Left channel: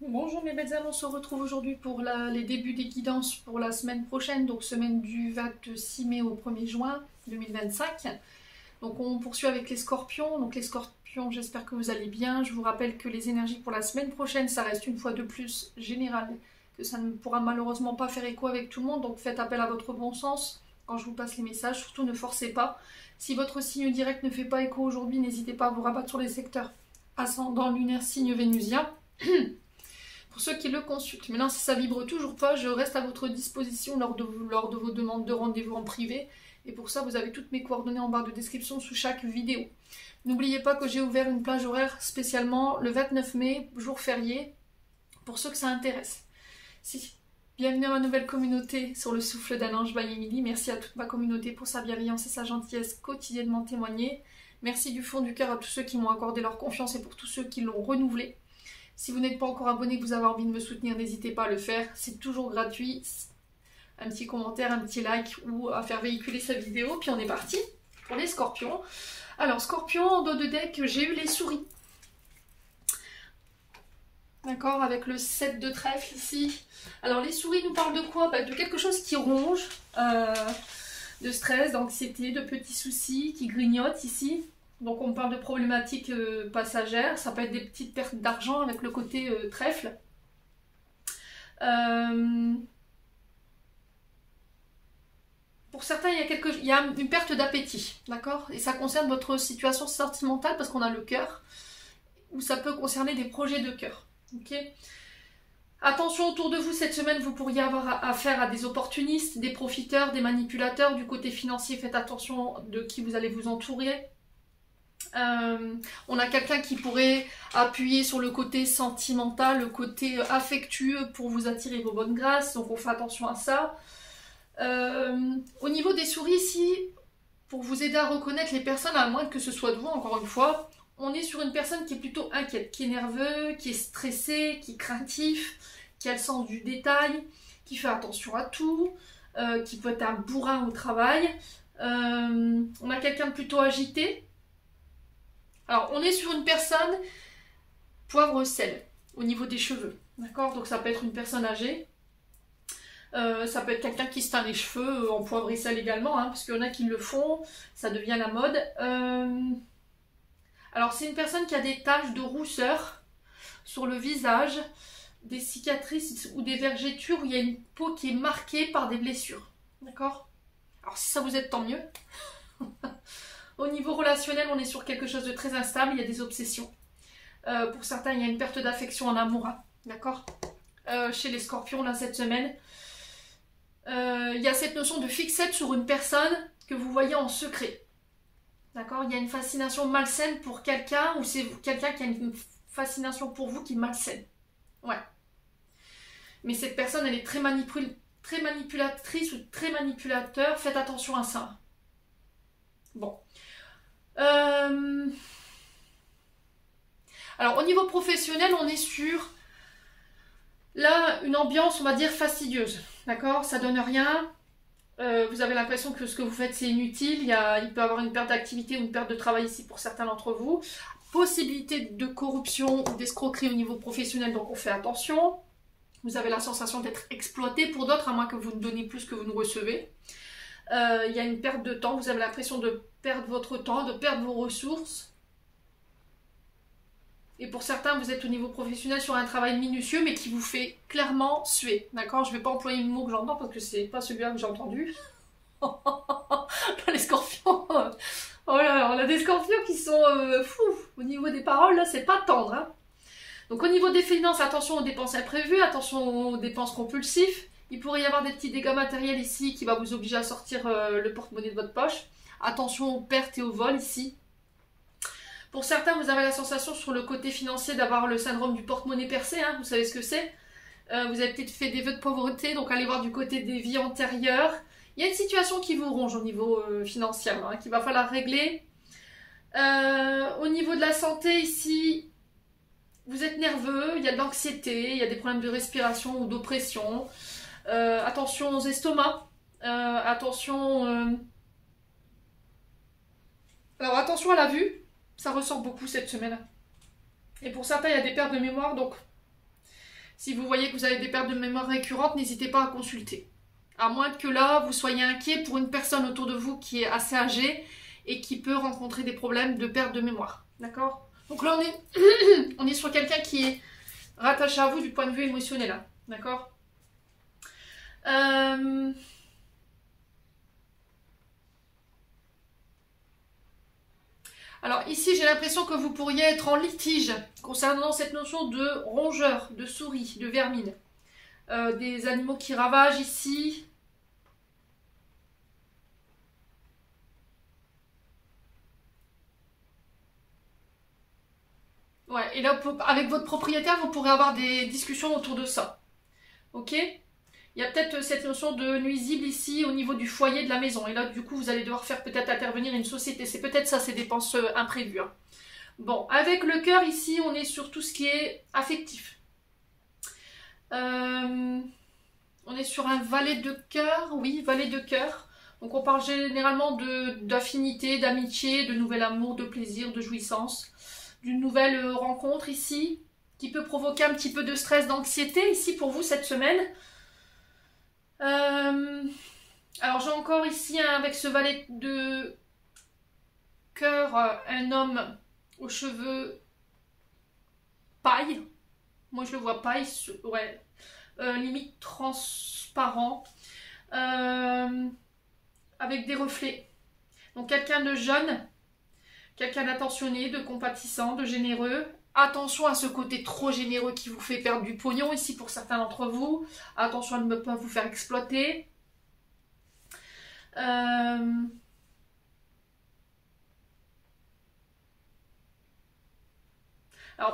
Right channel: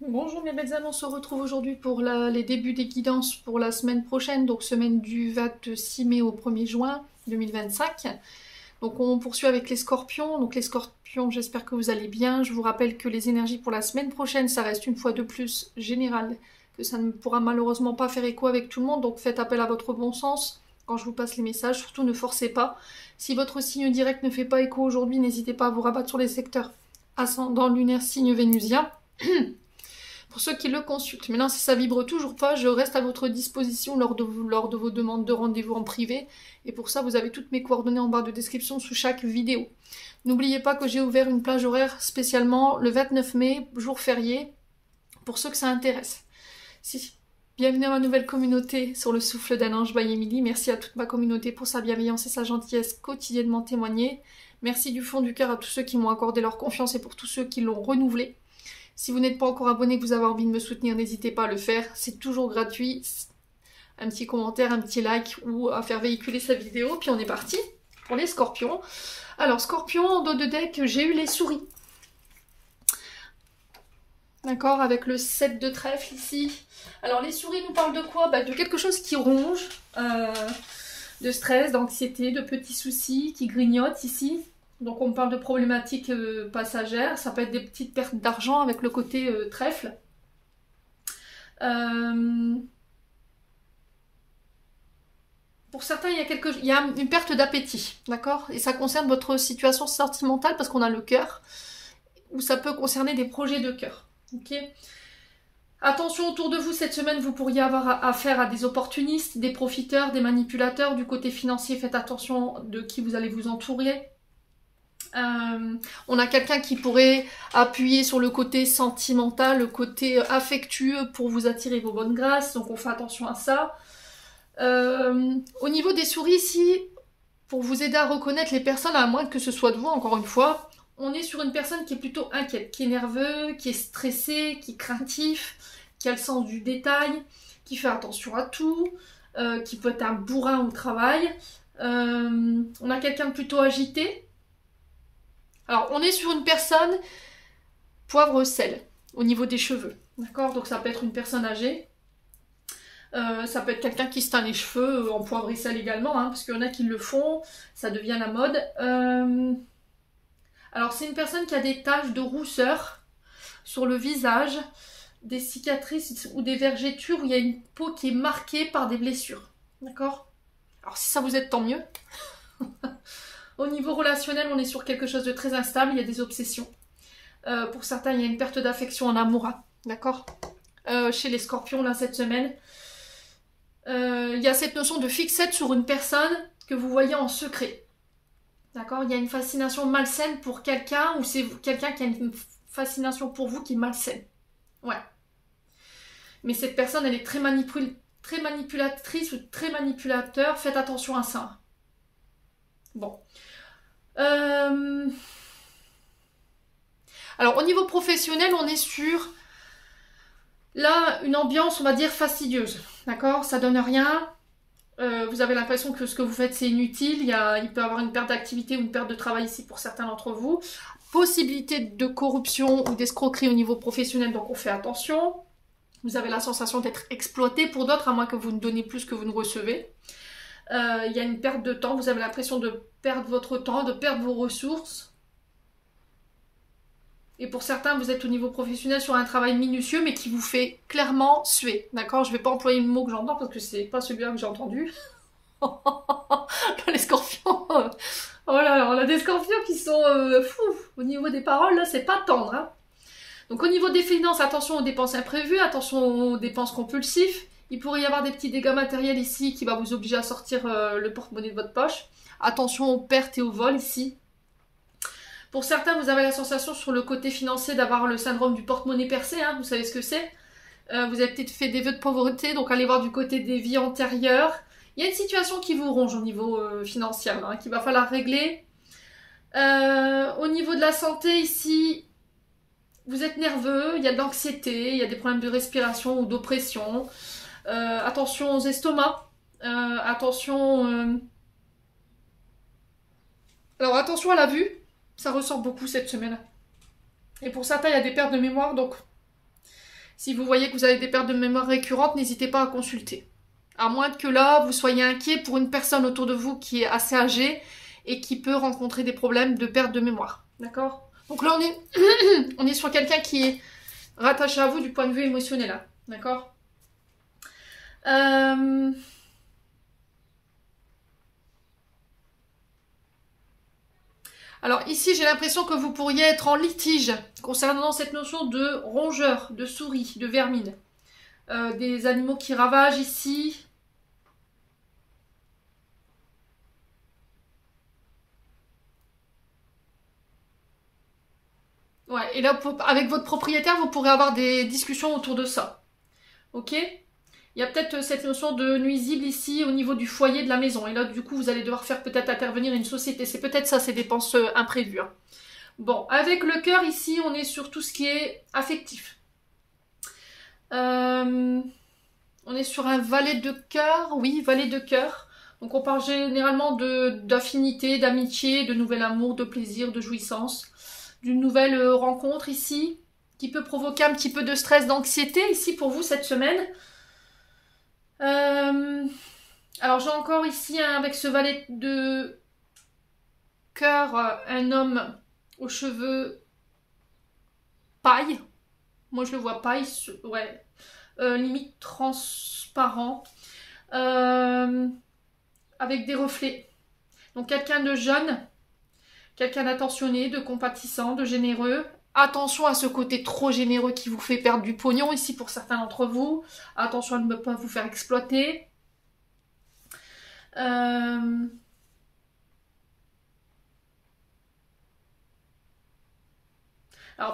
Bonjour mes belles âmes, on se retrouve aujourd'hui pour les débuts des guidances pour la semaine prochaine, donc semaine du 26 mai au 1er juin 2025. Donc on poursuit avec les scorpions. Donc les scorpions, j'espère que vous allez bien. Je vous rappelle que les énergies pour la semaine prochaine, ça reste une fois de plus général, que ça ne pourra malheureusement pas faire écho avec tout le monde, donc faites appel à votre bon sens quand je vous passe les messages, surtout ne forcez pas. Si votre signe direct ne fait pas écho aujourd'hui, n'hésitez pas à vous rabattre sur les secteurs ascendant, lunaire, signe vénusien. Pour ceux qui le consultent. Maintenant, si ça vibre toujours pas, je reste à votre disposition lors de vos demandes de rendez-vous en privé. Et pour ça, vous avez toutes mes coordonnées en barre de description sous chaque vidéo. N'oubliez pas que j'ai ouvert une plage horaire spécialement le 29 mai, jour férié, pour ceux que ça intéresse. Si. Bienvenue à ma nouvelle communauté sur le souffle d'un ange by Emily. Merci à toute ma communauté pour sa bienveillance et sa gentillesse quotidiennement témoignée. Merci du fond du cœur à tous ceux qui m'ont accordé leur confiance et pour tous ceux qui l'ont renouvelée. Si vous n'êtes pas encore abonné, que vous avez envie de me soutenir, n'hésitez pas à le faire. C'est toujours gratuit. Un petit commentaire, un petit like ou à faire véhiculer sa vidéo. Puis on est parti pour les scorpions. Alors, scorpion, en dos de deck, j'ai eu les souris. D'accord, avec le 7 de trèfle ici. Alors, les souris nous parlent de quoi? De quelque chose qui ronge, de stress, d'anxiété, de petits soucis qui grignotent ici. Donc on parle de problématiques passagères, ça peut être des petites pertes d'argent avec le côté trèfle. Pour certains, il y a une perte d'appétit, d'accord? Et ça concerne votre situation sentimentale parce qu'on a le cœur, ou ça peut concerner des projets de cœur. Ok? Attention autour de vous, cette semaine, vous pourriez avoir affaire à des opportunistes, des profiteurs, des manipulateurs. Du côté financier, faites attention de qui vous allez vous entourer. On a quelqu'un qui pourrait appuyer sur le côté sentimental, le côté affectueux pour vous attirer vos bonnes grâces, donc on fait attention à ça. Au niveau des souris ici, pour vous aider à reconnaître les personnes, à moins que ce soit de vous, encore une fois, on est sur une personne qui est plutôt inquiète, qui est nerveux, qui est stressé, qui est craintif, qui a le sens du détail, qui fait attention à tout, qui peut être un bourrin au travail. On a quelqu'un de plutôt agité. Alors, on est sur une personne poivre-sel au niveau des cheveux. D'accord? Donc, ça peut être une personne âgée. Ça peut être quelqu'un qui se teint les cheveux en poivre et sel également, parce qu'il y en a qui le font. Ça devient la mode. Alors, c'est une personne qui a des taches de rousseur sur le visage, des cicatrices ou des vergetures où il y a une peau qui est marquée par des blessures. D'accord? Alors, si ça vous aide, tant mieux. Au niveau relationnel, on est sur quelque chose de très instable, il y a des obsessions. Pour certains, il y a une perte d'affection en amour, d'accord? Chez les scorpions, là, cette semaine, il y a cette notion de fixette sur une personne que vous voyez en secret. D'accord? Il y a une fascination malsaine pour quelqu'un, ou c'est quelqu'un qui a une fascination pour vous qui est malsaine. Ouais. Mais cette personne, elle est très manipulatrice ou très manipulateur, faites attention à ça. Bon. Alors au niveau professionnel, on est sur là une ambiance, on va dire, fastidieuse. D'accord? Ça donne rien. Vous avez l'impression que ce que vous faites c'est inutile. Il peut y avoir une perte d'activité ou une perte de travail ici pour certains d'entre vous. Possibilité de corruption ou d'escroquerie au niveau professionnel, donc on fait attention. Vous avez la sensation d'être exploité pour d'autres, à moins que vous ne donnez plus que vous ne recevez. Il y a une perte de temps, vous avez l'impression de perdre votre temps, de perdre vos ressources. Et pour certains, vous êtes au niveau professionnel sur un travail minutieux, mais qui vous fait clairement suer. D'accord? Je ne vais pas employer le mot que j'entends parce que c'est pas celui-là que j'ai entendu. Les scorpions. Oh là là, on a des scorpions qui sont fous. Au niveau des paroles, là, c'est pas tendre. Hein. Donc au niveau des finances, attention aux dépenses imprévues, attention aux dépenses compulsives. Il pourrait y avoir des petits dégâts matériels ici qui va vous obliger à sortir le porte-monnaie de votre poche. Attention aux pertes et aux vols ici. Pour certains, vous avez la sensation sur le côté financier d'avoir le syndrome du porte-monnaie percé. Vous savez ce que c'est. Vous avez peut-être fait des vœux de pauvreté, donc allez voir du côté des vies antérieures. Il y a une situation qui vous ronge au niveau financier, qu'il va falloir régler. Au niveau de la santé ici, vous êtes nerveux, il y a de l'anxiété, il y a des problèmes de respiration ou d'oppression. Attention aux estomacs. Attention... Alors attention à la vue, ça ressort beaucoup cette semaine. Et pour certains, il y a des pertes de mémoire, donc Si vous voyez que vous avez des pertes de mémoire récurrentes, n'hésitez pas à consulter. À moins que là, vous soyez inquiet pour une personne autour de vous qui est assez âgée et qui peut rencontrer des problèmes de perte de mémoire. D'accord? Donc là, on est sur quelqu'un qui est rattaché à vous du point de vue émotionnel. Hein. D'accord? Alors ici, j'ai l'impression que vous pourriez être en litige concernant cette notion de rongeur, de souris, de vermine. Des animaux qui ravagent ici. Ouais, et là, avec votre propriétaire, vous pourrez avoir des discussions autour de ça. Ok? Il y a peut-être cette notion de nuisible ici au niveau du foyer de la maison. Et là, du coup, vous allez devoir faire peut-être intervenir une société. C'est peut-être ça, ces dépenses imprévues. Hein. Bon, avec le cœur, ici, on est sur tout ce qui est affectif. On est sur un valet de cœur. Oui, valet de cœur. Donc, on parle généralement d'affinité, d'amitié, de nouvel amour, de plaisir, de jouissance. D'une nouvelle rencontre ici, qui peut provoquer un petit peu de stress, d'anxiété ici pour vous cette semaine. Alors j'ai encore ici avec ce valet de cœur un homme aux cheveux paille. Moi je le vois paille, ouais, limite transparent, avec des reflets. Donc quelqu'un de jeune, quelqu'un d'attentionné, de compatissant, de généreux. Attention à ce côté trop généreux qui vous fait perdre du pognon ici pour certains d'entre vous. Attention à ne pas vous faire exploiter. Alors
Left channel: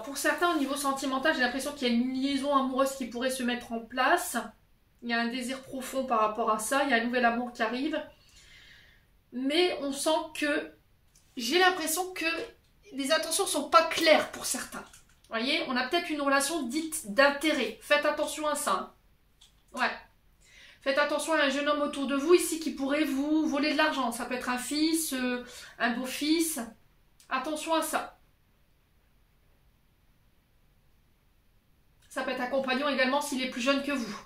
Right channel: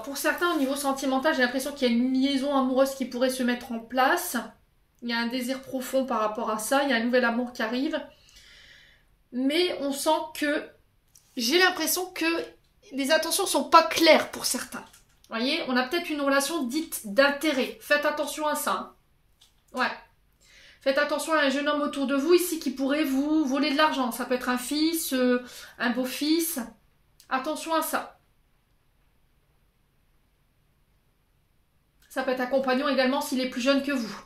pour certains au niveau sentimental, j'ai l'impression qu'il y a une liaison amoureuse qui pourrait se mettre en place. Il y a un désir profond par rapport à ça. Il y a un nouvel amour qui arrive. Mais on sent que... J'ai l'impression que les intentions ne sont pas claires pour certains. Vous voyez, on a peut-être une relation dite d'intérêt. Faites attention à ça. Hein. Ouais. Faites attention à un jeune homme autour de vous ici qui pourrait vous voler de l'argent. Ça peut être un fils, un beau-fils. Attention à ça. Ça peut être un compagnon également s'il est plus jeune que vous.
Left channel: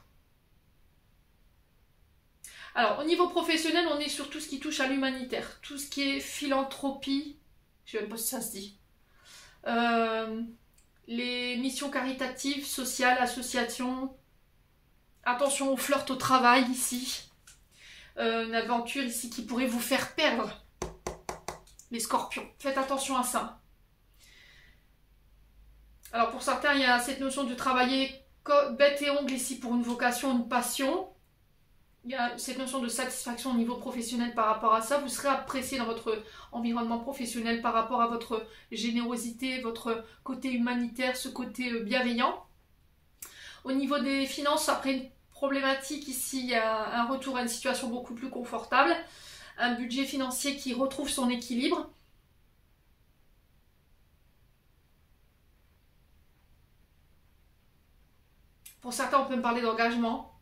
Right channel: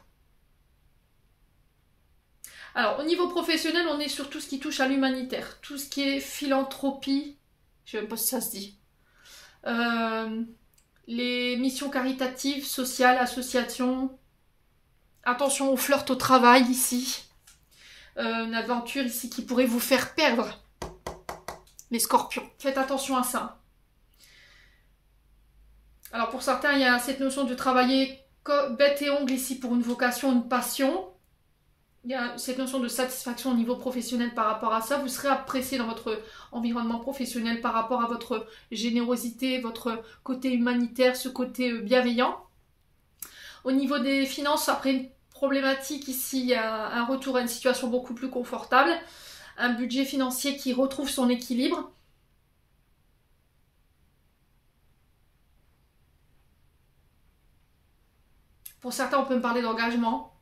Alors, au niveau professionnel, on est sur tout ce qui touche à l'humanitaire. Tout ce qui est philanthropie. Je ne sais même pas si ça se dit. Les missions caritatives, sociales, associations. Attention au flirt au travail ici. Une aventure ici qui pourrait vous faire perdre. Les scorpions. Faites attention à ça. Alors pour certains, il y a cette notion de travailler bête et ongle ici pour une vocation, une passion. Il y a cette notion de satisfaction au niveau professionnel par rapport à ça. Vous serez apprécié dans votre environnement professionnel par rapport à votre générosité, votre côté humanitaire, ce côté bienveillant. Au niveau des finances, après une problématique ici, il y a un retour à une situation beaucoup plus confortable. Un budget financier qui retrouve son équilibre. Pour certains, on peut me parler d'engagement.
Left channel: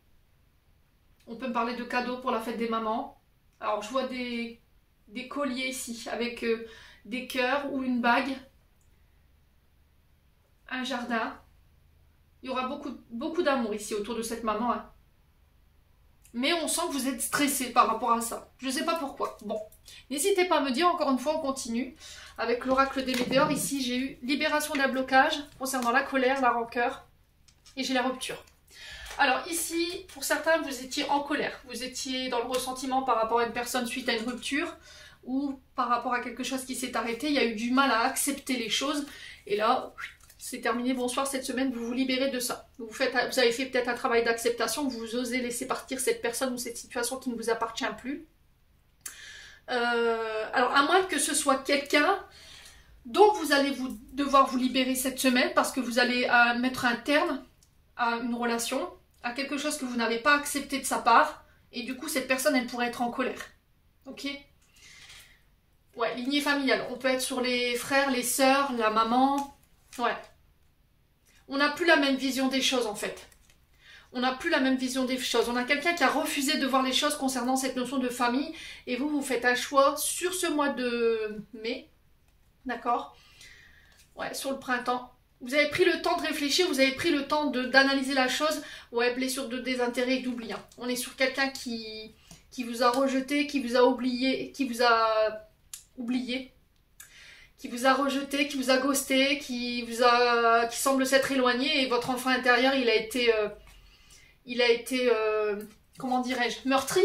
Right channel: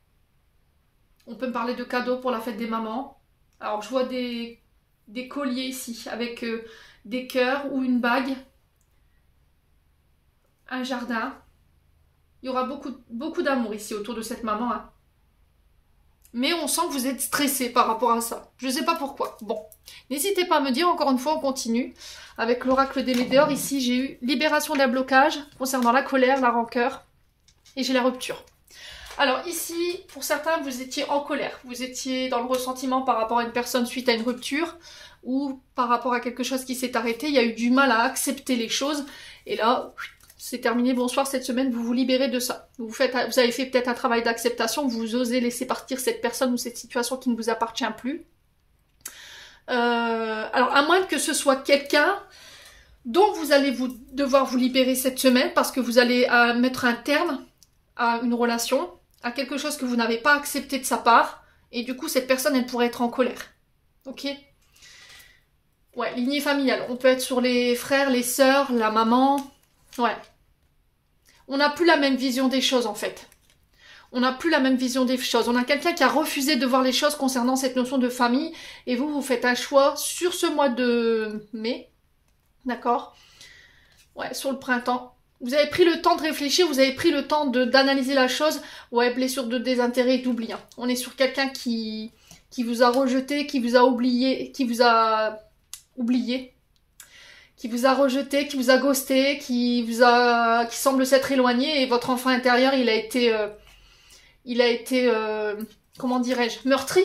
On peut me parler de cadeaux pour la fête des mamans. Alors, je vois des colliers ici avec des cœurs ou une bague. Un jardin. Il y aura beaucoup d'amour ici autour de cette maman. Hein. Mais on sent que vous êtes stressé par rapport à ça. Je ne sais pas pourquoi. Bon, n'hésitez pas à me dire. Encore une fois, on continue. Avec l'oracle des météores, ici, j'ai eu libération d'un blocage concernant la colère, la rancœur. Et j'ai la rupture. Alors ici, pour certains, vous étiez en colère. Vous étiez dans le ressentiment par rapport à une personne suite à une rupture ou par rapport à quelque chose qui s'est arrêté. Il y a eu du mal à accepter les choses. Et là, c'est terminé. Bonsoir, cette semaine, vous vous libérez de ça. Vous avez fait peut-être un travail d'acceptation. Vous osez laisser partir cette personne ou cette situation qui ne vous appartient plus. Alors, à moins que ce soit quelqu'un dont vous allez devoir vous libérer cette semaine parce que vous allez mettre un terme à une relation, à quelque chose que vous n'avez pas accepté de sa part, et du coup cette personne elle pourrait être en colère. Ok? Ouais, lignée familiale. On peut être sur les frères, les sœurs, la maman. Ouais. On n'a plus la même vision des choses en fait. On n'a plus la même vision des choses. On a quelqu'un qui a refusé de voir les choses concernant cette notion de famille, et vous faites un choix sur ce mois de mai. D'accord? Ouais, sur le printemps. Vous avez pris le temps de réfléchir, vous avez pris le temps d'analyser la chose. Ouais, blessure de désintérêt et d'oubli. Hein. On est sur quelqu'un qui vous a rejeté, qui vous a oublié, qui vous a oublié, qui vous a rejeté, qui vous a ghosté, qui semble s'être éloigné, et votre enfant intérieur, il a été comment dirais-je, meurtri.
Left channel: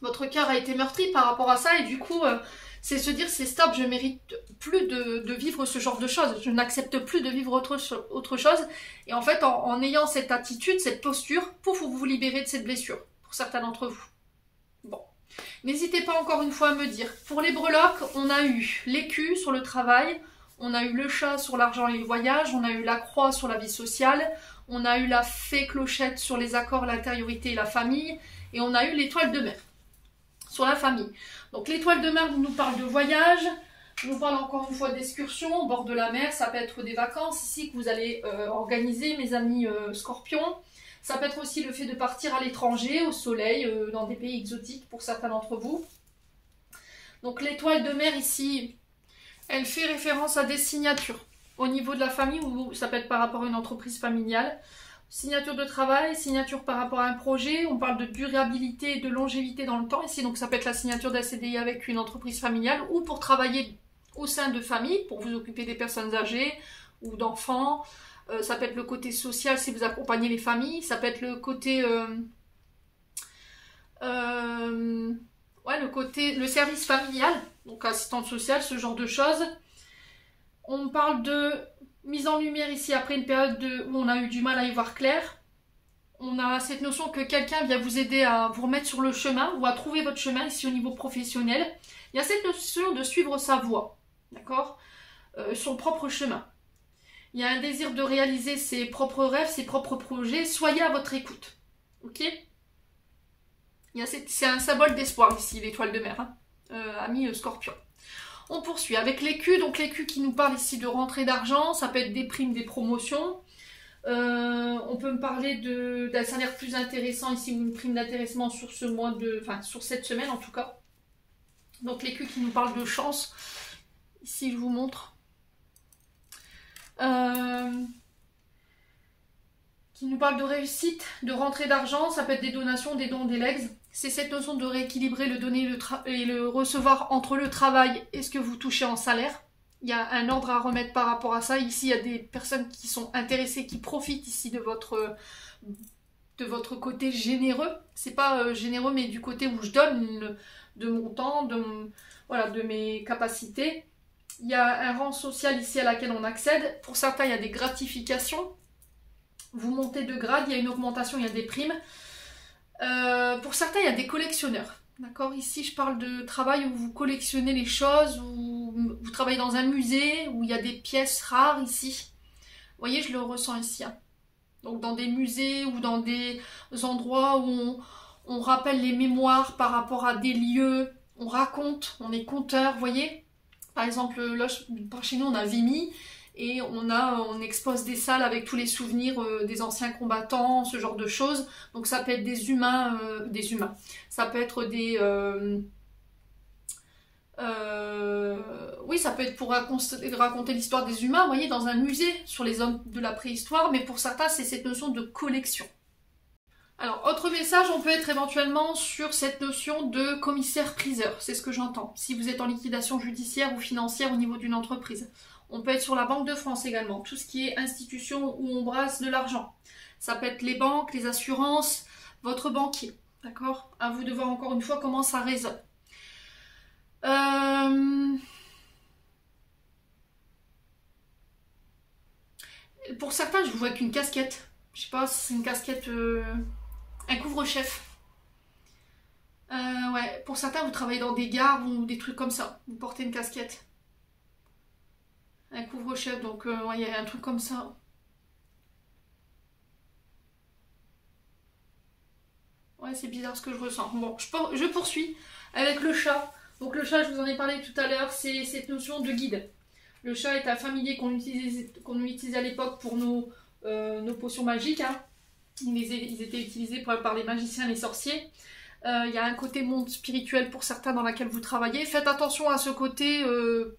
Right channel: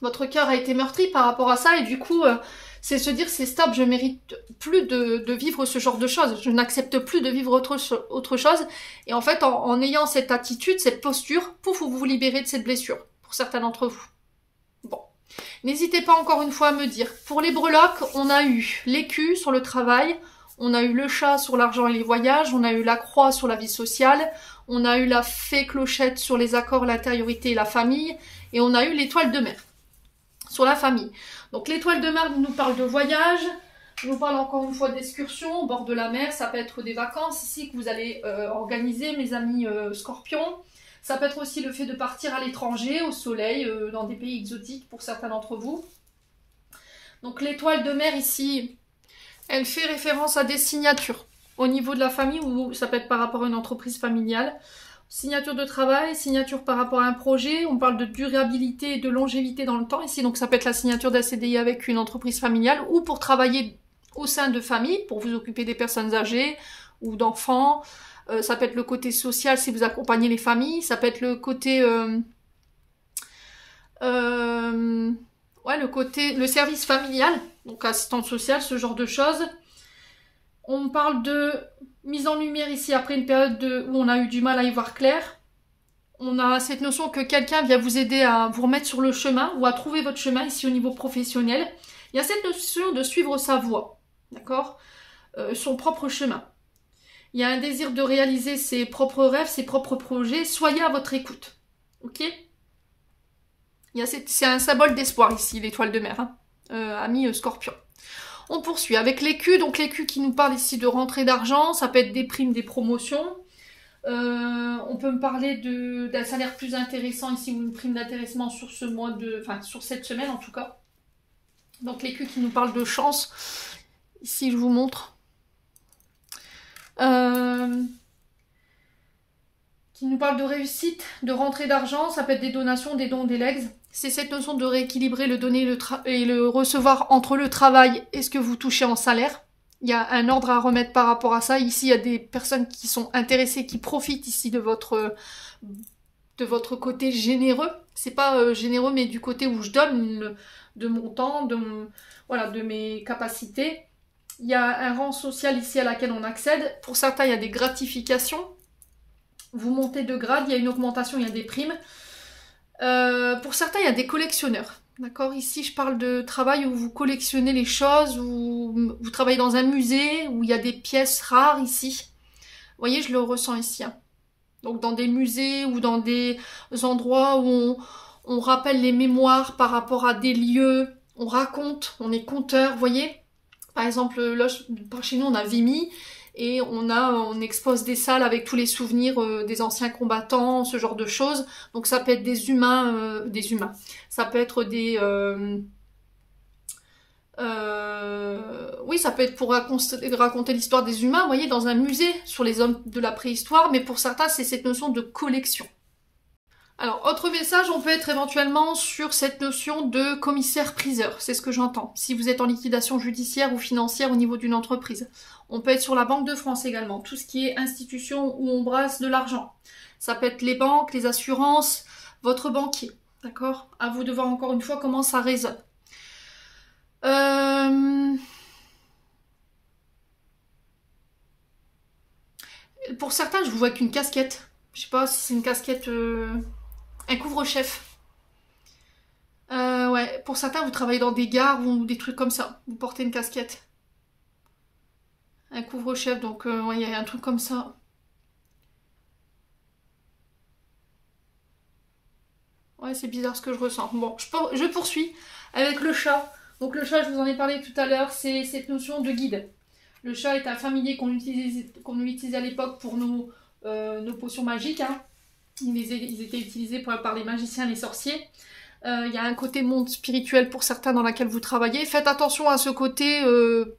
Votre cœur a été meurtri par rapport à ça, et du coup, c'est se dire, c'est stop, je mérite plus de vivre ce genre de choses, je n'accepte plus de vivre autre chose, et en fait, en ayant cette attitude, cette posture, pouf, vous vous libérez de cette blessure, pour certains d'entre vous. Bon. N'hésitez pas encore une fois à me dire. Pour les breloques, on a eu l'écu sur le travail, on a eu le chat sur l'argent et les voyages, on a eu la croix sur la vie sociale, on a eu la fée clochette sur les accords, l'intériorité et la famille, et on a eu l'étoile de mer sur la famille. Donc l'étoile de mer nous parle de voyage, nous parle encore une fois d'excursion au bord de la mer, ça peut être des vacances ici que vous allez organiser, mes amis scorpions. Ça peut être aussi le fait de partir à l'étranger, au soleil, dans des pays exotiques pour certains d'entre vous. Donc l'étoile de mer ici, elle fait référence à des signatures au niveau de la famille, ou ça peut être par rapport à une entreprise familiale. Signature de travail, signature par rapport à un projet, on parle de durabilité et de longévité dans le temps ici, donc ça peut être la signature d'un CDI avec une entreprise familiale, ou pour travailler au sein de famille, pour vous occuper des personnes âgées ou d'enfants. Ça peut être le côté social si vous accompagnez les familles, ça peut être le côté le service familial, donc assistante sociale, ce genre de choses. On parle de mise en lumière ici après une période où on a eu du mal à y voir clair. On a cette notion que quelqu'un vient vous aider à vous remettre sur le chemin ou à trouver votre chemin ici au niveau professionnel. Il y a cette notion de suivre sa voie, d'accord, son propre chemin. Il y a un désir de réaliser ses propres rêves, ses propres projets. Soyez à votre écoute. Ok? C'est un symbole d'espoir ici, l'étoile de mer. Hein, amis scorpions. On poursuit avec l'écu. Donc l'écu qui nous parle ici de rentrée d'argent. Ça peut être des primes, des promotions. On peut me parler d'un salaire plus intéressant ici, ou une prime d'intéressement sur ce mois sur cette semaine en tout cas. Donc l'écu qui nous parle de chance. Ici je vous montre. Qui nous parle de réussite, de rentrée d'argent, ça peut être des donations, des dons, des legs. C'est cette notion de rééquilibrer le donner et le recevoir entre le travail et ce que vous touchez en salaire. Il y a un ordre à remettre par rapport à ça. Ici, il y a des personnes qui sont intéressées, qui profitent ici de votre côté généreux. C'est pas généreux, mais du côté où je donne de mon temps, de mes capacités. Il y a un rang social ici à laquelle on accède. Pour certains, il y a des gratifications. Vous montez de grade, il y a une augmentation, il y a des primes. Pour certains, il y a des collectionneurs. D'accord? Ici, je parle de travail où vous collectionnez les choses, où vous travaillez dans un musée, où il y a des pièces rares ici. Vous voyez, je le ressens ici. Hein. Donc, dans des musées ou dans des endroits où on rappelle les mémoires par rapport à des lieux. On raconte, on est conteur, vous voyez? Par exemple, là, par chez nous, on a Vimy et on expose des salles avec tous les souvenirs des anciens combattants, ce genre de choses. Donc ça peut être des humains. Ça peut être oui, ça peut être pour raconter l'histoire des humains, vous voyez, dans un musée sur les hommes de la préhistoire. Mais pour certains, c'est cette notion de collection. Alors, autre message, on peut être éventuellement sur cette notion de commissaire-priseur, c'est ce que j'entends. Si vous êtes en liquidation judiciaire ou financière au niveau d'une entreprise. On peut être sur la Banque de France également, tout ce qui est institution où on brasse de l'argent. Ça peut être les banques, les assurances, votre banquier, d'accord? À vous de voir encore une fois comment ça résonne. Pour certains, je vous vois qu'une casquette. Je sais pas si c'est une casquette... Un couvre-chef. Ouais, pour certains, vous travaillez dans des gares ou des trucs comme ça. Vous portez une casquette. Un couvre-chef, donc ouais, il y a un truc comme ça. Ouais, c'est bizarre ce que je ressens. Bon, je poursuis avec le chat. Donc le chat, je vous en ai parlé tout à l'heure, c'est cette notion de guide. Le chat est un familier qu'on utilisait à l'époque pour nos potions magiques. Hein. Ils étaient utilisés par les magiciens, les sorciers. Il y a un côté monde spirituel pour certains dans lequel vous travaillez. Faites attention à ce côté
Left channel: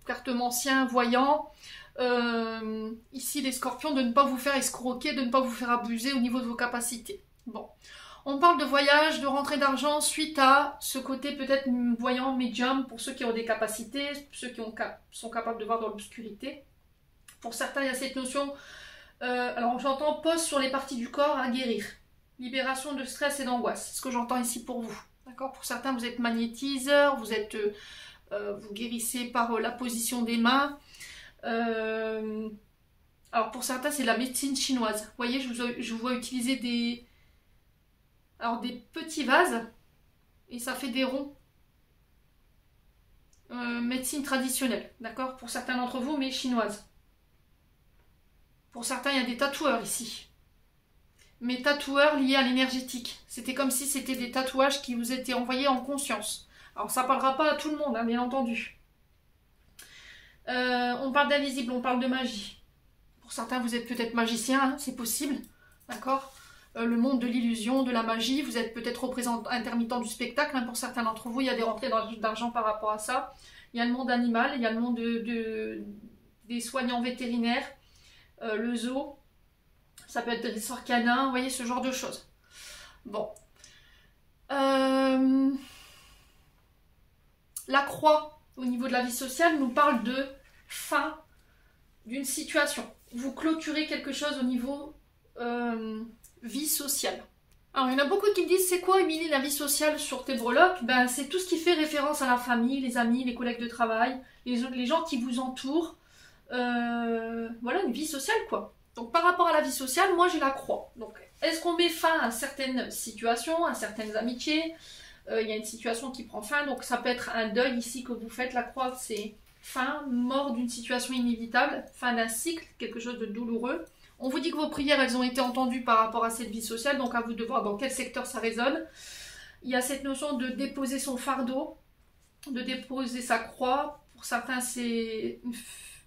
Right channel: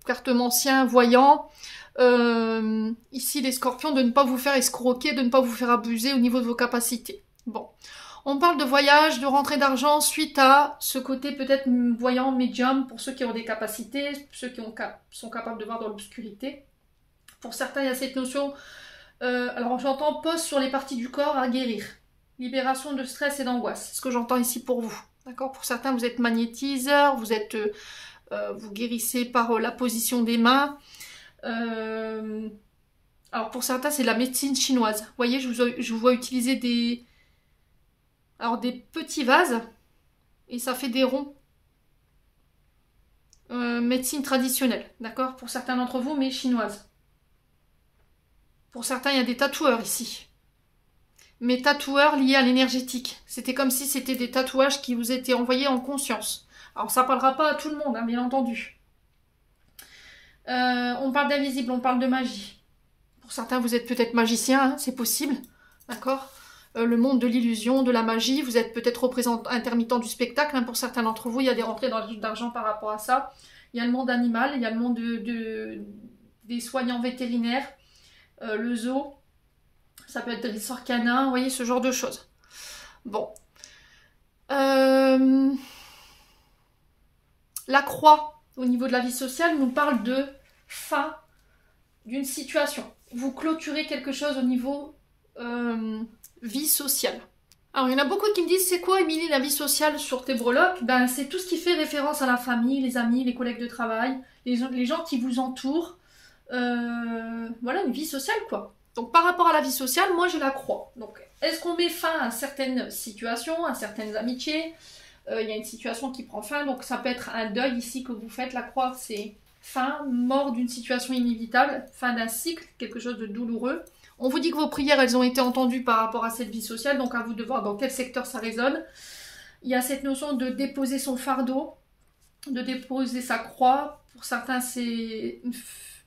cartomancien, voyant. ici les scorpions, de ne pas vous faire escroquer, de ne pas vous faire abuser au niveau de vos capacités. Bon, on parle de voyage, de rentrée d'argent suite à ce côté peut-être voyant, médium, pour ceux qui ont des capacités, ceux qui sont capables de voir dans l'obscurité. Pour certains, il y a cette notion, alors j'entends pause sur les parties du corps à guérir. Libération de stress et d'angoisse, c'est ce que j'entends ici pour vous. D'accord ? Pour certains, vous êtes magnétiseur, vous guérissez par la position des mains. Alors pour certains, c'est de la médecine chinoise. Vous voyez, je vous vois utiliser des petits vases et ça fait des ronds. Médecine traditionnelle, d'accord ? Pour certains d'entre vous, mais chinoise. Pour certains, il y a des tatoueurs ici. Mais tatoueurs liés à l'énergétique. C'était comme si c'était des tatouages qui vous étaient envoyés en conscience. Alors ça parlera pas à tout le monde, hein, bien entendu. On parle d'invisible, on parle de magie. Pour certains, vous êtes peut-être magicien, hein, c'est possible. D'accord ? Le monde de l'illusion, de la magie, vous êtes peut-être représentant intermittent du spectacle. Hein, pour certains d'entre vous, il y a des rentrées d'argent par rapport à ça. Il y a le monde animal, il y a le monde des soignants vétérinaires, le zoo. Ça peut être des ressorts canins, vous voyez, ce genre de choses. Bon. La croix, au niveau de la vie sociale, nous parle de fin d'une situation. Vous clôturez quelque chose au niveau vie sociale. Alors, il y en a beaucoup qui me disent, c'est quoi, Émilie, la vie sociale sur tes breloques ? Ben, c'est tout ce qui fait référence à la famille, les amis, les collègues de travail, les gens qui vous entourent. Voilà, une vie sociale, quoi. Donc, par rapport à la vie sociale, moi, je la crois. Donc, est-ce qu'on met fin à certaines situations, à certaines amitiés ? Il y a une situation qui prend fin, donc ça peut être un deuil ici que vous faites. La croix, c'est fin, mort d'une situation inévitable, fin d'un cycle, quelque chose de douloureux. On vous dit que vos prières, elles ont été entendues par rapport à cette vie sociale, donc à vous de voir dans quel secteur ça résonne. Il y a cette notion de déposer son fardeau, de déposer sa croix. Pour certains, c'est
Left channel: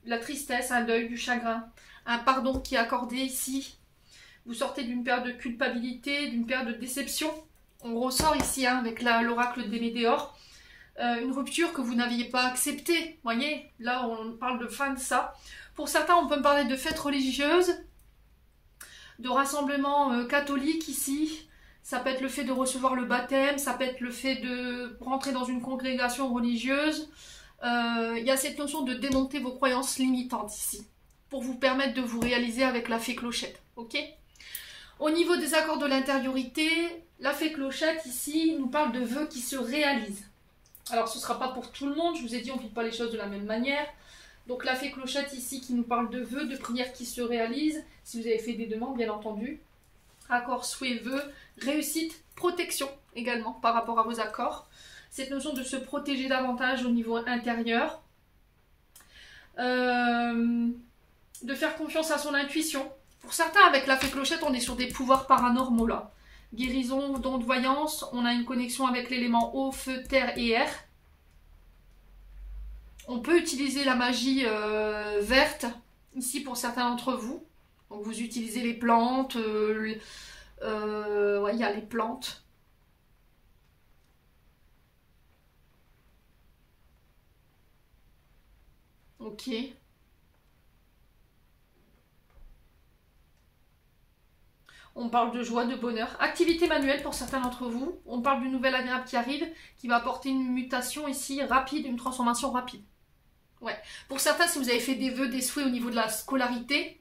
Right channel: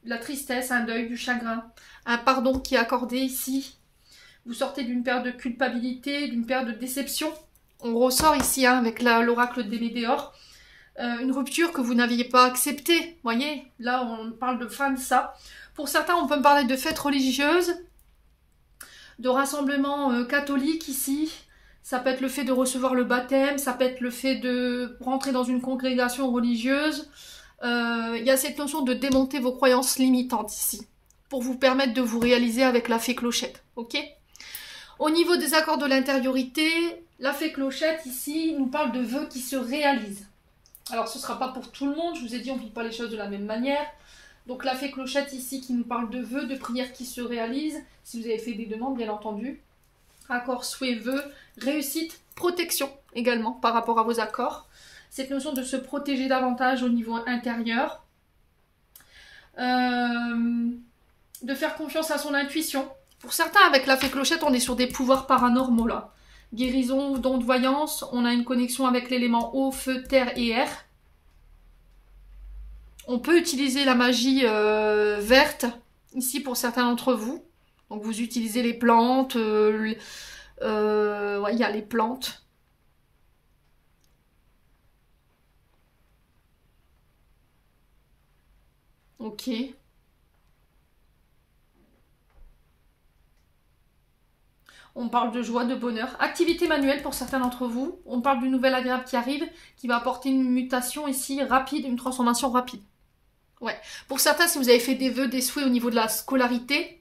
la tristesse, un deuil, du chagrin, un pardon qui est accordé ici. Vous sortez d'une période de culpabilité, d'une période de déception. On ressort ici hein, avec l'oracle des Météores. Une rupture que vous n'aviez pas acceptée. Vous voyez, là, on parle de fin de ça. Pour certains, on peut me parler de fêtes religieuses, de rassemblements catholiques ici. Ça peut être le fait de recevoir le baptême, ça peut être le fait de rentrer dans une congrégation religieuse. Il y a cette notion de démonter vos croyances limitantes ici, pour vous permettre de vous réaliser avec la fée clochette. Ok ? Au niveau des accords de l'intériorité, la fée clochette ici nous parle de vœux qui se réalisent. Alors ce ne sera pas pour tout le monde, je vous ai dit on ne vit pas les choses de la même manière. Donc la fée clochette ici qui nous parle de vœux, de prières qui se réalisent, si vous avez fait des demandes bien entendu. Accords, souhaits, vœux, réussite, protection également par rapport à vos accords. Cette notion de se protéger davantage au niveau intérieur. De faire confiance à son intuition. Pour certains, avec la fée clochette, on est sur des pouvoirs paranormaux là. Guérison, don de voyance, on a une connexion avec l'élément eau, feu, terre et air. On peut utiliser la magie verte, ici pour certains d'entre vous. Donc vous utilisez les plantes, ouais, il y a les plantes. Ok. On parle de joie, de bonheur. Activité manuelle pour certains d'entre vous. On parle d'une nouvelle agréable qui arrive, qui va apporter une mutation ici rapide, une transformation rapide. Ouais. Pour certains, si vous avez fait des vœux, des souhaits au niveau de la scolarité,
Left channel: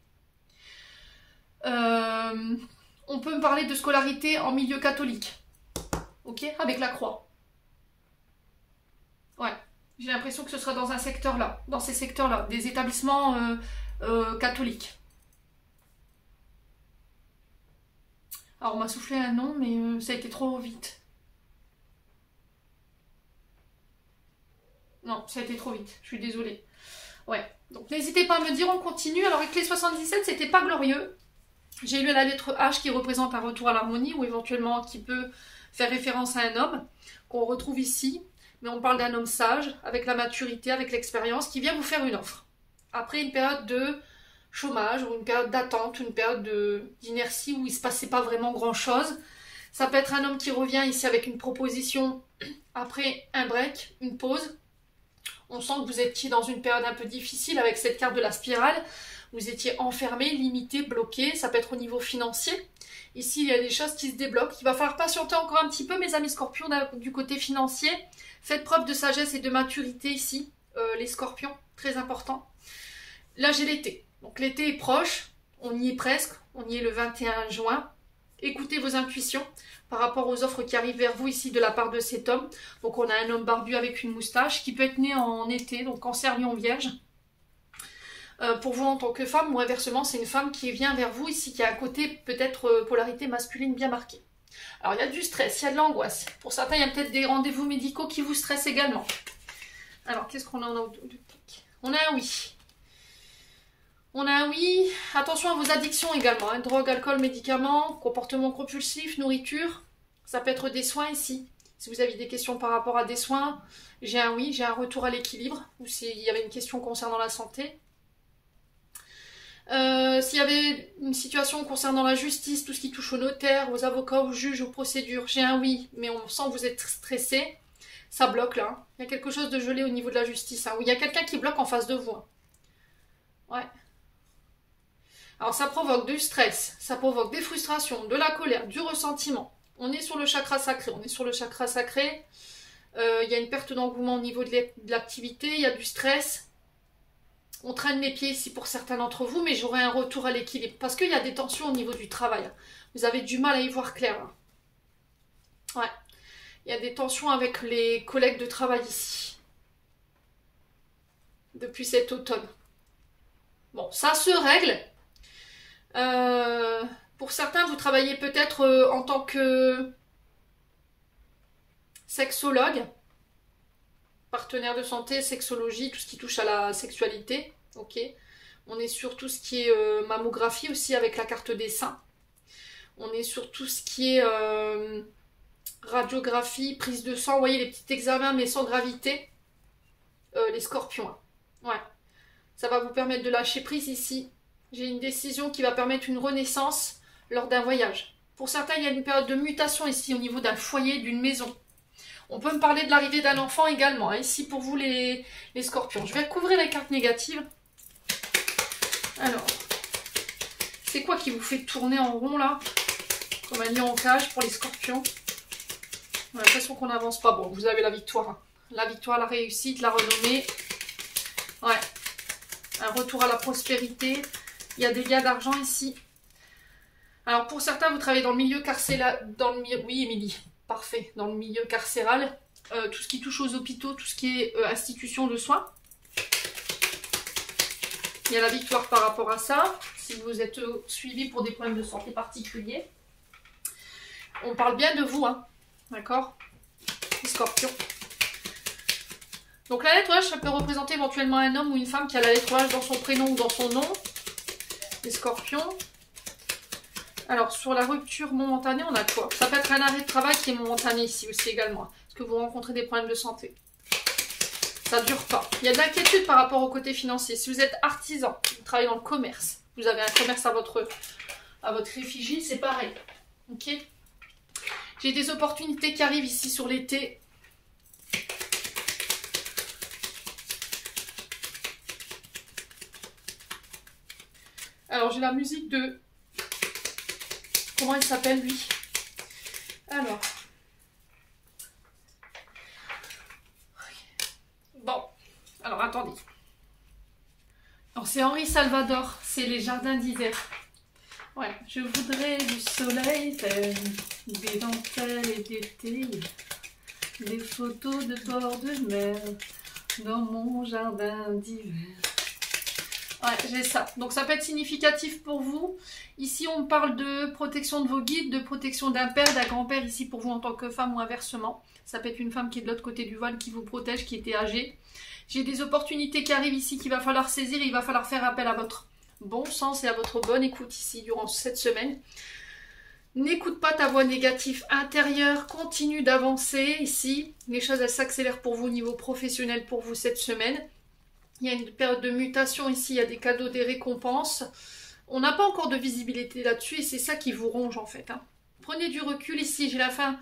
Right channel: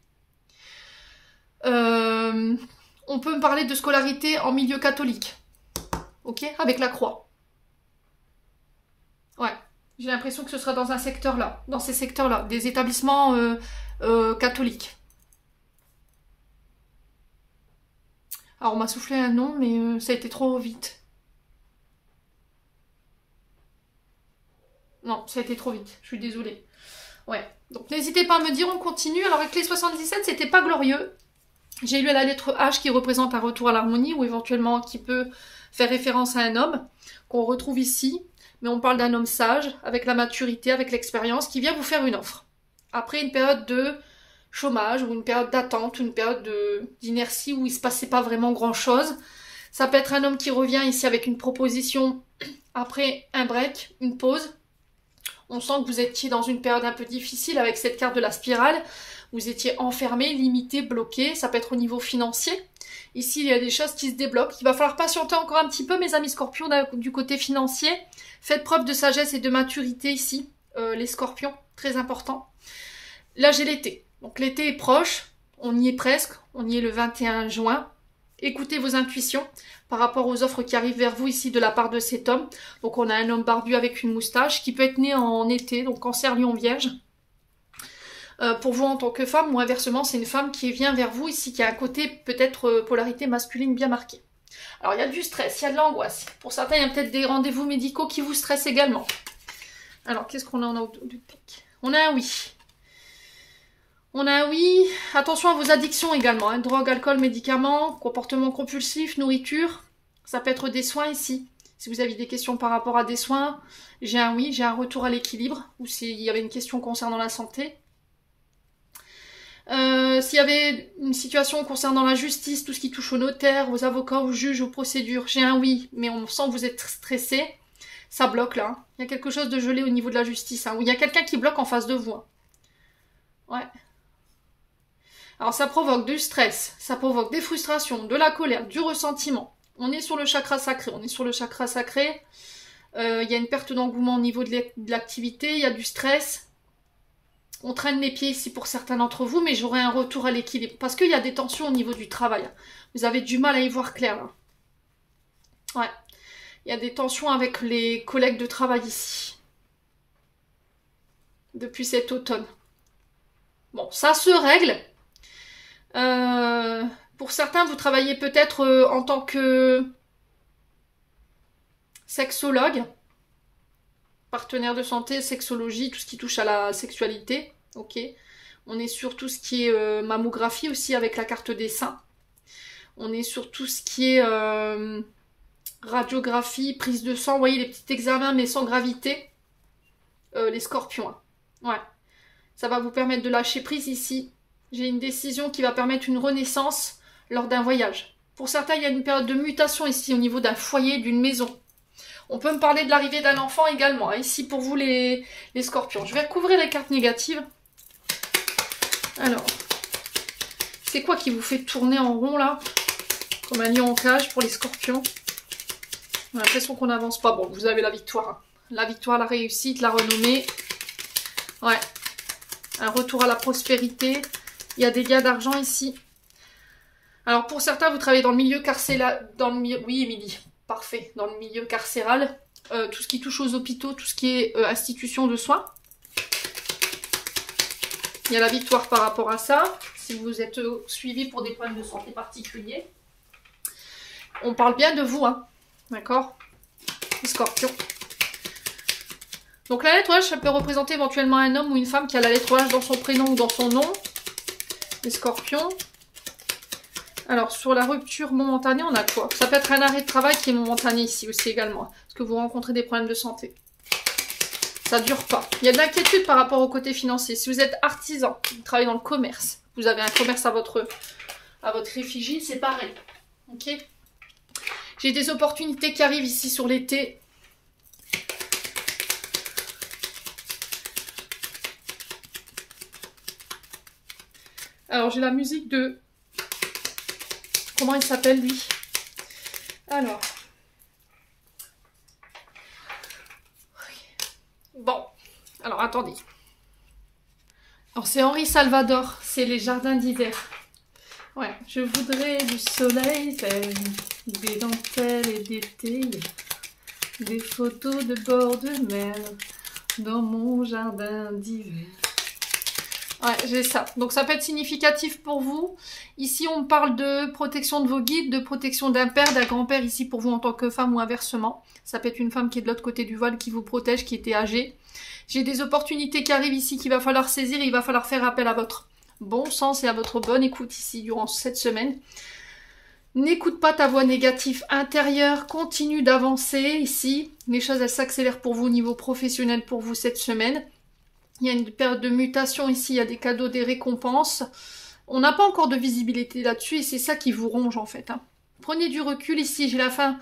on peut me parler de scolarité en milieu catholique. Ok ? Avec la croix. Ouais. J'ai l'impression que ce sera dans un secteur là, dans ces secteurs-là, des établissements catholiques. Alors on m'a soufflé un nom, mais ça a été trop vite. Non, ça a été trop vite, je suis désolée. Ouais, donc n'hésitez pas à me dire, on continue. Alors avec les 77, c'était pas glorieux. J'ai lu la lettre H qui représente un retour à l'harmonie, ou éventuellement qui peut faire référence à un homme, qu'on retrouve ici. Mais on parle d'un homme sage, avec la maturité, avec l'expérience, qui vient vous faire une offre. Après une période de chômage, ou une période d'attente, une période d'inertie où il ne se passait pas vraiment grand-chose. Ça peut être un homme qui revient ici avec une proposition après un break, une pause. On sent que vous étiez dans une période un peu difficile avec cette carte de la spirale. Vous étiez enfermé, limité, bloqué. Ça peut être au niveau financier. Ici, il y a des choses qui se débloquent. Il va falloir patienter encore un petit peu, mes amis scorpions, du côté financier. Faites preuve de sagesse et de maturité ici, les scorpions. Très important. Là, j'ai l'été. Donc, l'été est proche. On y est presque. On y est le 21 juin. Écoutez vos intuitions par rapport aux offres qui arrivent vers vous ici de la part de cet homme. Donc on a un homme barbu avec une moustache qui peut être né en été, donc Cancer, Lion, Vierge. Pour vous en tant que femme, ou inversement, c'est une femme qui vient vers vous ici, qui a un côté peut-être polarité masculine bien marquée. Alors il y a du stress, il y a de l'angoisse. Pour certains, il y a peut-être des rendez-vous médicaux qui vous stressent également. Alors qu'est-ce qu'on a en autour du pic? On a un oui. On a un oui, attention à vos addictions également, hein. Drogue, alcool, médicaments, comportement compulsif, nourriture, ça peut être des soins ici. Si vous avez des questions par rapport à des soins, j'ai un oui, j'ai un retour à l'équilibre, ou s'il y avait une question concernant la santé. S'il y avait une situation concernant la justice, tout ce qui touche aux notaires, aux avocats, aux juges, aux procédures, j'ai un oui, mais on sent que vous êtes stressé, ça bloque là. Hein. Il y a quelque chose de gelé au niveau de la justice, hein, où il y a quelqu'un qui bloque en face de vous. Hein. Ouais. Alors ça provoque du stress, ça provoque des frustrations, de la colère, du ressentiment. On est sur le chakra sacré, Il y a une perte d'engouement au niveau de l'activité, il y a du stress. On traîne les pieds ici pour certains d'entre vous, mais j'aurai un retour à l'équilibre. Parce qu'il y a des tensions au niveau du travail. Vous avez du mal à y voir clair. Là. Ouais. Il y a des tensions avec les collègues de travail ici. Depuis cet automne. Bon, ça se règle. Pour certains, vous travaillez peut-être en tant que sexologue, partenaire de santé, sexologie, tout ce qui touche à la sexualité. Ok. On est sur tout ce qui est mammographie aussi avec la carte des seins. On est sur tout ce qui est radiographie, prise de sang. Vous voyez les petits examens mais sans gravité. Les scorpions. Hein. Ouais. Ça va vous permettre de lâcher prise ici. J'ai une décision qui va permettre une renaissance lors d'un voyage. Pour certains, il y a une période de mutation ici au niveau d'un foyer, d'une maison. On peut me parler de l'arrivée d'un enfant également. Hein, ici pour vous les scorpions. Je vais recouvrir les cartes négatives. Alors, c'est quoi qui vous fait tourner en rond là? Comme un lion en cage pour les scorpions. J'ai l'impression qu'on n'avance pas. Bon, vous avez la victoire. Hein. La victoire, la réussite, la renommée. Ouais. Un retour à la prospérité. Il y a des gains d'argent ici. Alors pour certains, vous travaillez dans le milieu carcéral. Oui, Émilie, parfait. Dans le milieu carcéral. Tout ce qui touche aux hôpitaux, tout ce qui est institution de soins. Il y a la victoire par rapport à ça. Si vous êtes suivi pour des problèmes de santé particuliers. On parle bien de vous, hein. D'accord? Les scorpions. Donc la lettre H, ça peut représenter éventuellement un homme ou une femme qui a la lettre H dans son prénom ou dans son nom. Les scorpions. Alors sur la rupture momentanée, on a quoi? Ça peut être un arrêt de travail qui est momentané ici aussi également. Parce que vous rencontrez des problèmes de santé. Ça ne dure pas. Il y a de l'inquiétude par rapport au côté financier. Si vous êtes artisan, vous travaillez dans le commerce, vous avez un commerce à votre effigie, c'est pareil. Ok? J'ai des opportunités qui arrivent ici sur l'été. Alors, j'ai la musique de... Comment il s'appelle, lui? Alors. Bon. Alors, attendez. Alors, c'est Henri Salvador. C'est les jardins d'hiver. Ouais. Je voudrais du soleil, des dentelles et d'été, des photos de bord de mer dans mon jardin d'hiver. Ouais, j'ai ça. Donc ça peut être significatif pour vous. Ici, on parle de protection de vos guides, de protection d'un père, d'un grand-père, ici pour vous en tant que femme ou inversement. Ça peut être une femme qui est de l'autre côté du voile, qui vous protège, qui était âgée. J'ai des opportunités qui arrivent ici qu'il va falloir saisir et il va falloir faire appel à votre bon sens et à votre bonne écoute ici durant cette semaine. N'écoute pas ta voix négative intérieure, continue d'avancer ici. Les choses, elles s'accélèrent pour vous au niveau professionnel pour vous cette semaine. Il y a une période de mutation ici, il y a des cadeaux, des récompenses. On n'a pas encore de visibilité là-dessus et c'est ça qui vous ronge en fait. Hein. Prenez du recul ici, j'ai la fin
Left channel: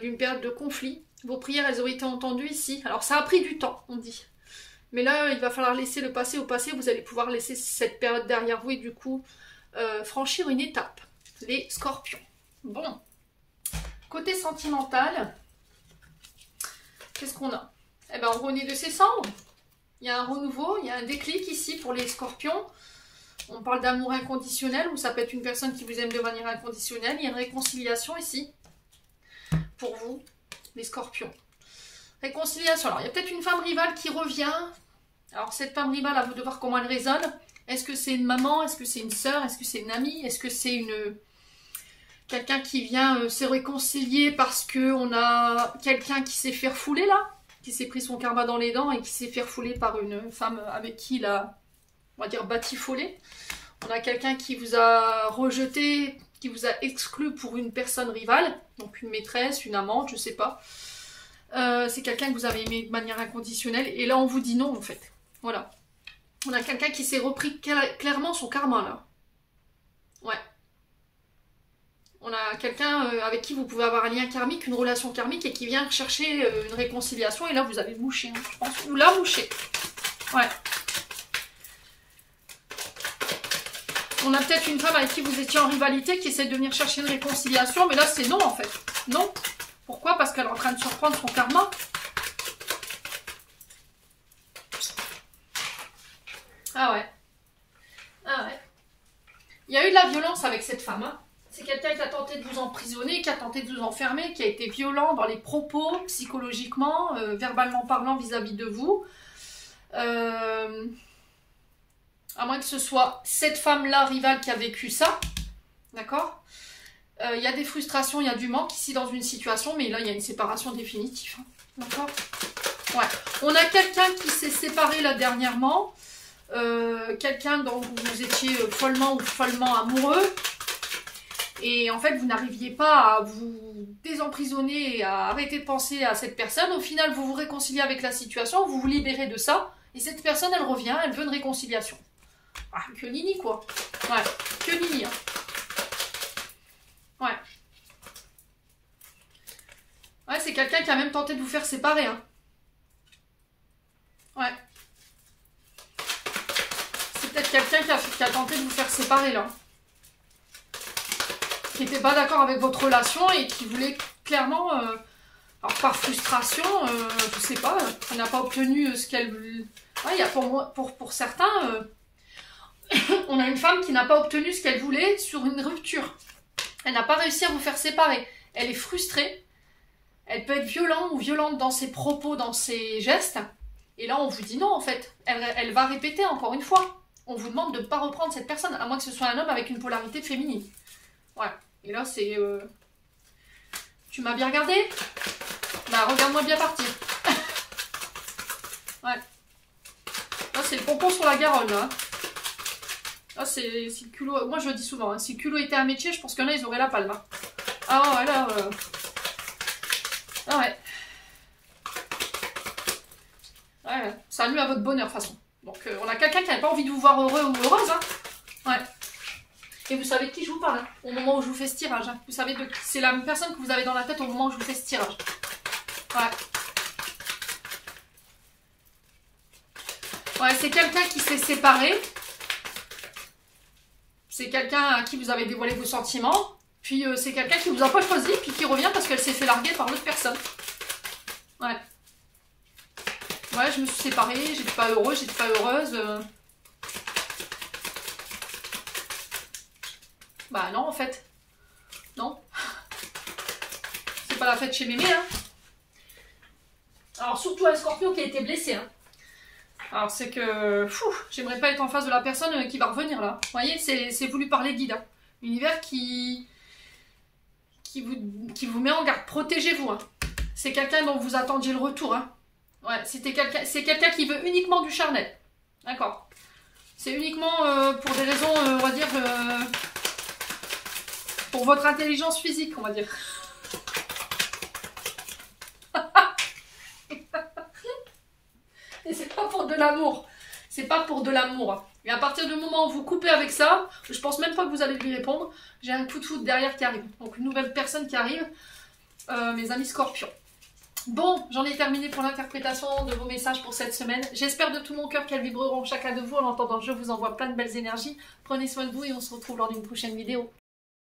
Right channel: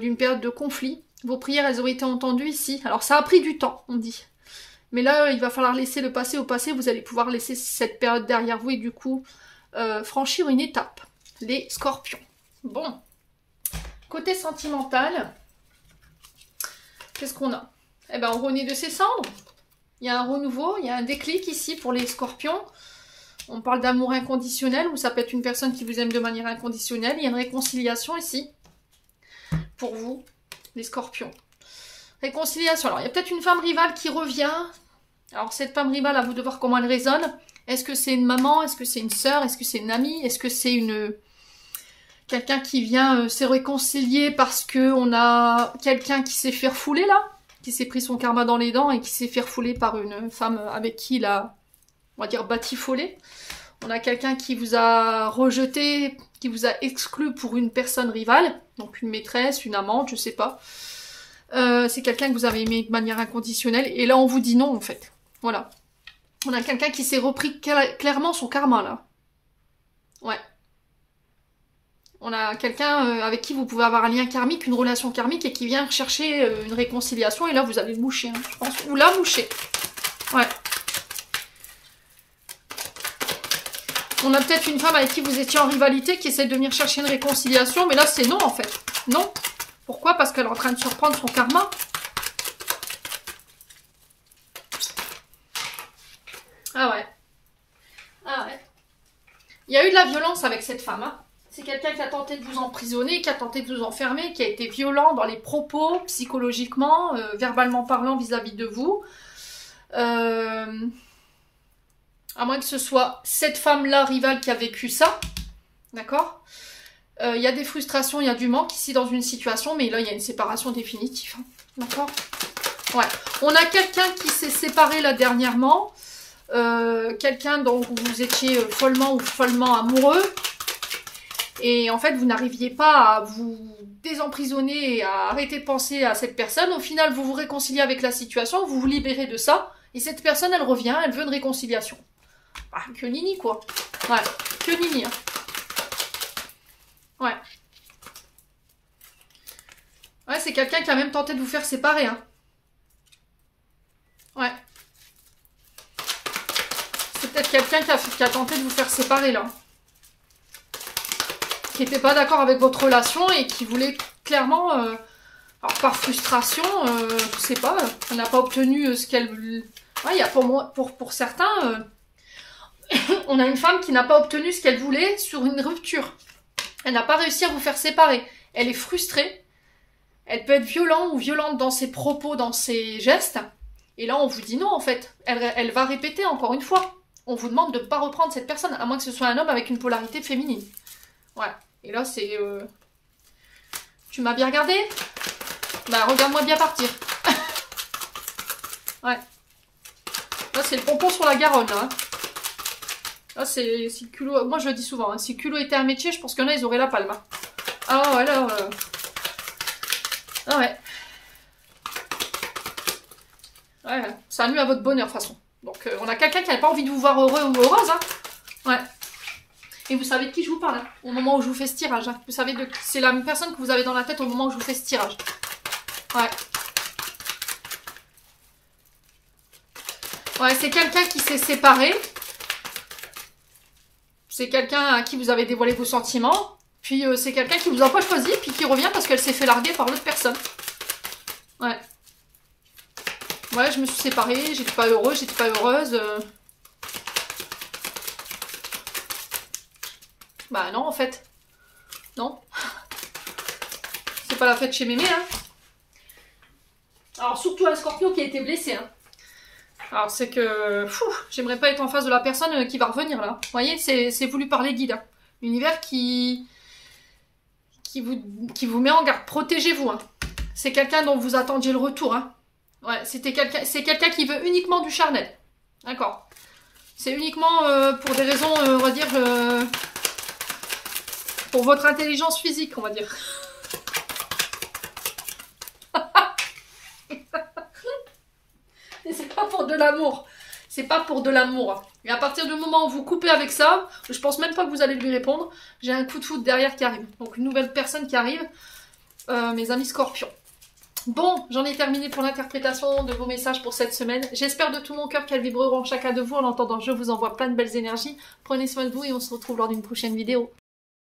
d'une période de conflit. Vos prières, elles ont été entendues ici. Alors ça a pris du temps, on dit. Mais là, il va falloir laisser le passé au passé. Vous allez pouvoir laisser cette période derrière vous et du coup, franchir une étape. Les scorpions. Bon. Côté sentimental, qu'est-ce qu'on a? Eh bien, on renaît de ses cendres. Il y a un renouveau, il y a un déclic ici pour les scorpions. On parle d'amour inconditionnel, ou ça peut être une personne qui vous aime de manière inconditionnelle. Il y a une réconciliation ici, pour vous, les scorpions. Réconciliation. Alors, il y a peut-être une femme rivale qui revient. Alors, cette femme rivale, à vous de voir comment elle résonne. Est-ce que c'est une maman? Est-ce que c'est une sœur? Est-ce que c'est une amie? Est-ce que c'est quelqu'un qui vient se réconcilier parce qu'on a quelqu'un qui s'est fait refouler, là? Qui s'est pris son karma dans les dents et qui s'est fait refouler par une femme avec qui il a, on va dire, batifolé. On a quelqu'un qui vous a rejeté, qui vous a exclu pour une personne rivale, donc une maîtresse, une amante, je sais pas. C'est quelqu'un que vous avez aimé de manière inconditionnelle, et là on vous dit non en fait. Voilà. On a quelqu'un qui s'est repris clairement son karma là. Ouais. On a quelqu'un avec qui vous pouvez avoir un lien karmique, une relation karmique, et qui vient chercher une réconciliation, et là vous allez le moucher, hein, je pense. Ou la moucher. Ouais. On a peut-être une femme avec qui vous étiez en rivalité, qui essaie de venir chercher une réconciliation, mais là c'est non en fait. Non. Pourquoi? Parce qu'elle est en train de surprendre son karma. Ah ouais. Ah ouais. Il y a eu de la violence avec cette femme, hein. C'est quelqu'un qui a tenté de vous emprisonner, qui a tenté de vous enfermer, qui a été violent dans les propos, psychologiquement, verbalement parlant vis-à-vis de vous. À moins que ce soit cette femme-là, rivale, qui a vécu ça. D'accord? Il y a des frustrations, il y a du manque ici dans une situation, mais là, il y a une séparation définitive. Hein. D'accord? Ouais. On a quelqu'un qui s'est séparé là dernièrement. Quelqu'un dont vous étiez follement ou follement amoureux. Et en fait, vous n'arriviez pas à vous désemprisonner et à arrêter de penser à cette personne. Au final, vous vous réconciliez avec la situation, vous vous libérez de ça. Et cette personne, elle revient, elle veut une réconciliation. Ah, que nini, quoi. Ouais, que nini. Hein. Ouais. Ouais, c'est quelqu'un qui a même tenté de vous faire séparer. Hein. Ouais. C'est peut-être quelqu'un qui a tenté de vous faire séparer, là. Qui n'était pas d'accord avec votre relation et qui voulait clairement, alors par frustration, je sais pas, elle n'a pas obtenu ce qu'elle... Ouais, il y a pour certains, on a une femme qui n'a pas obtenu ce qu'elle voulait sur une rupture. Elle n'a pas réussi à vous faire séparer. Elle est frustrée. Elle peut être violente ou violente dans ses propos, dans ses gestes. Et là, on vous dit non, en fait. Elle va répéter encore une fois. On vous demande de ne pas reprendre cette personne, à moins que ce soit un homme avec une polarité féminine. Ouais. Et là, c'est... Tu m'as bien regardé? Bah, regarde-moi bien partir. Ouais. Là, c'est le pompon sur la Garonne, là. Hein. Là, c'est le culot... Moi, je le dis souvent, hein. Si le culot était un métier, je pense qu'il y en a, ils auraient la palme. Hein. Ah, alors... Ah, ouais. Ouais, ça nuit à votre bonheur, de toute façon. Donc, on a quelqu'un qui n'a pas envie de vous voir heureux ou heureuse, hein. Ouais. Et vous savez de qui je vous parle, hein, au moment où je vous fais ce tirage. Hein. Vous savez de qui c'est la même personne que vous avez dans la tête au moment où je vous fais ce tirage. Ouais. Ouais, c'est quelqu'un qui s'est séparé. C'est quelqu'un à qui vous avez dévoilé vos sentiments. Puis c'est quelqu'un qui vous a pas choisi, puis qui revient parce qu'elle s'est fait larguer par l'autre personne. Ouais. Ouais, je me suis séparée, j'étais pas heureuse, j'étais pas heureuse. Bah non, en fait. Non. C'est pas la fête chez mémé, hein. Alors, surtout un Scorpio qui a été blessé, hein. Alors, c'est que... J'aimerais pas être en face de la personne qui va revenir, là. Vous voyez, c'est voulu par les guides. Hein. L'univers qui vous met en garde. Protégez-vous, hein. C'est quelqu'un dont vous attendiez le retour, hein. Ouais, c'est quelqu'un qui veut uniquement du charnel. D'accord. C'est uniquement pour des raisons, on va dire... pour votre intelligence physique, on va dire. Et c'est pas pour de l'amour. C'est pas pour de l'amour. Et à partir du moment où vous coupez avec ça, je pense même pas que vous allez lui répondre. J'ai un coup de foudre derrière qui arrive. Donc une nouvelle personne qui arrive. Mes amis scorpions. Bon, j'en ai terminé pour l'interprétation de vos messages pour cette semaine. J'espère de tout mon cœur qu'elles vibreront chacun de vous. En attendant, je vous envoie plein de belles énergies. Prenez soin de vous et on se retrouve lors d'une prochaine vidéo.